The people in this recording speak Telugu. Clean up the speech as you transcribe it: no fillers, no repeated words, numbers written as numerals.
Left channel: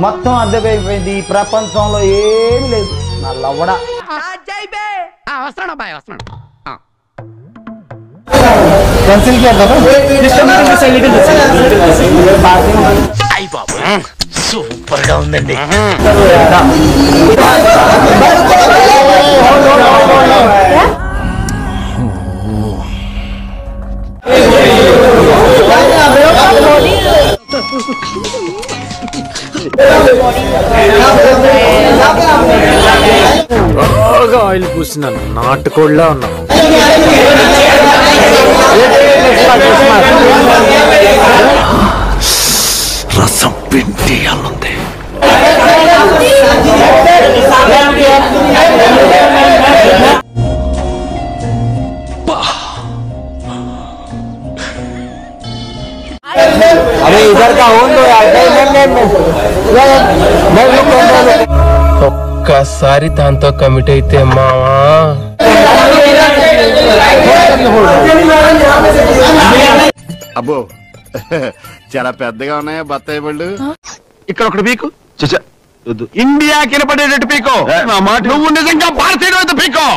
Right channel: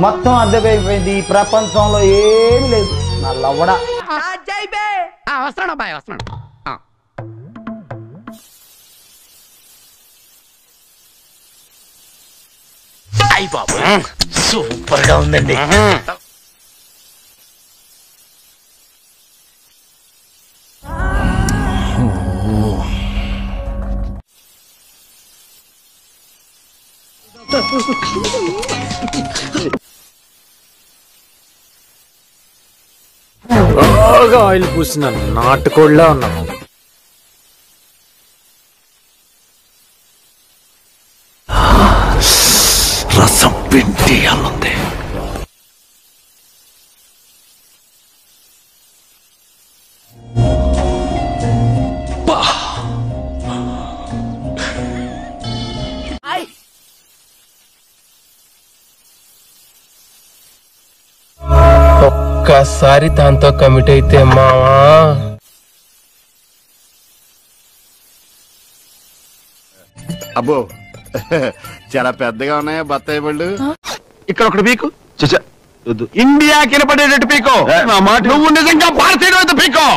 మొత్తం అద్దెపోయిపోయింది. ఈ ప్రపంచంలో ఏమి లేదు. నా లవ్వడా వస్తున్నాడు అబ్బాయి వస్తున్నాడు. సూపర్ గా ఉందండి. బాగా ఆయిల్ పూసిన నాటుకోళ్ళ ఉన్నావు. రసం పిండి అల్లుంది. ఒక్కసారి దాంతో కమిట్ అయితే మావా అబ్బో చాలా పెద్దగా ఉన్నాయా బత్తాయి పళ్ళు. ఇక్కడ ఒకటి పీకు ఇండియా కినపడేటట్టు పీకో. నువ్వు నిజంగా భారతీయుడు పీకో.